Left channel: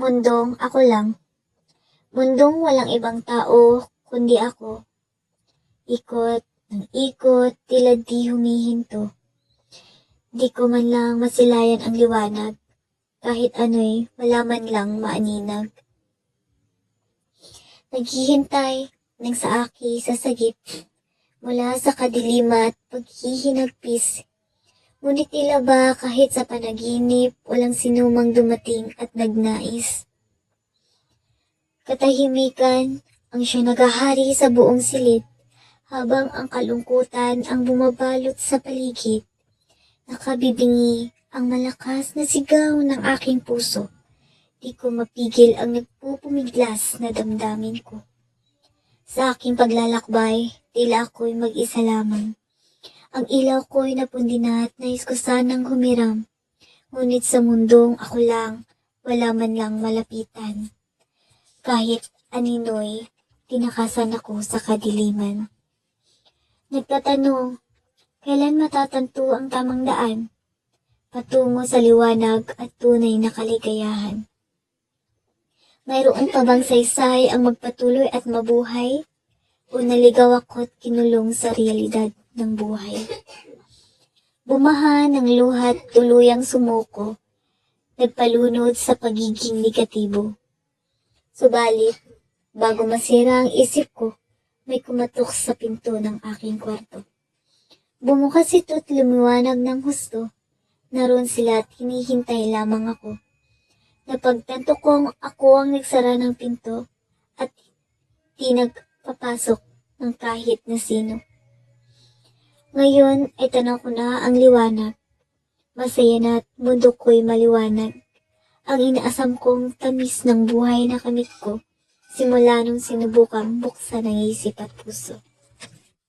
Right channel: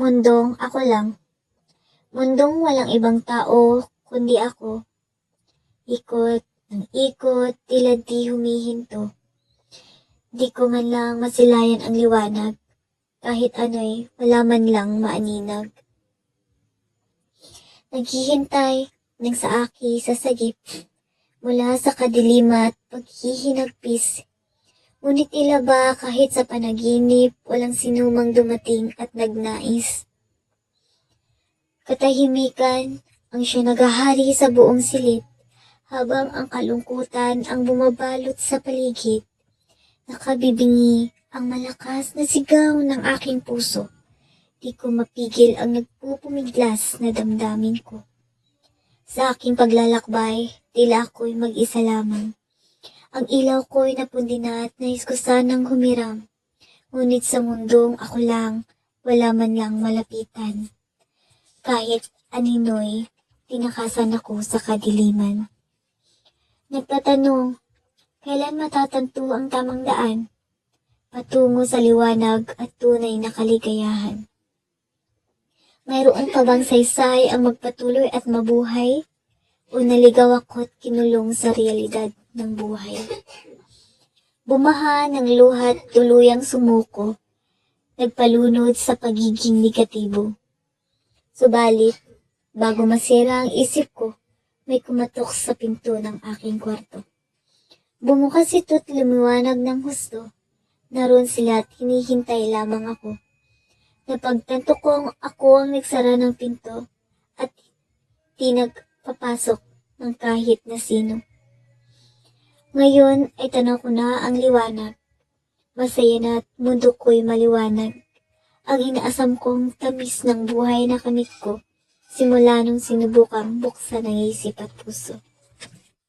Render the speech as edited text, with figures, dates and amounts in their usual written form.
Mundong ako lang. Mundong walang ibang tao kundi ako. Ikot ng ikot, tila di humihinto. Di ko man lang masilayan ang liwanag. Kahit ano'y wala man lang maaninag. Naghihintay ng saaki sa sagip mula sa kadilimat paghihinagpis. Ngunit tila ba kahit sa panaginip walang sinumang dumating at nagnais. Katahimikan ang siya naghahari sa buong silid habang ang kalungkutan ang bumabalot sa paligid. Nakabibingi ang malakas na sigaw ng aking puso. Di ko mapigil ang nagpupumiglas na damdamin ko. Sa aking paglalakbay, tila ako'y mag-isa lamang. Ang ilaw ko'y napundi na at nais ko sanang humiram. Ngunit sa mundong ako lang, wala man lang malapitan. Kahit anino'y tinakasan ako sa kadiliman. Nagtatanong, kailan matatanto ang tamang daan? Patungo sa liwanag at tunay na kaligayahan. Mayroon pa bang saysay ang magpatuloy at mabuhay? O naligaw ako't kinulong sa realidad ng buhay? Bumaha ng luhat tuluyang sumuko, nagpalunod sa pagiging negatibo. Subalit, bago masira ang isip ko, may kumatok sa pinto ng aking kwarto. Bumukas ito't lumiwanag ng husto. Naroon sila at hinihintay lamang ako. Napagtanto kong ako ang nagsara ng pinto at di nagpapasok ng kahit na sino. Ngayon ay tanaw ko na ang liwanag. Masaya na at mundo ko'y maliwanag. Ang inaasam kong tamis ng buhay na kamit ko simula nung sinubukang buksan ang isip at puso.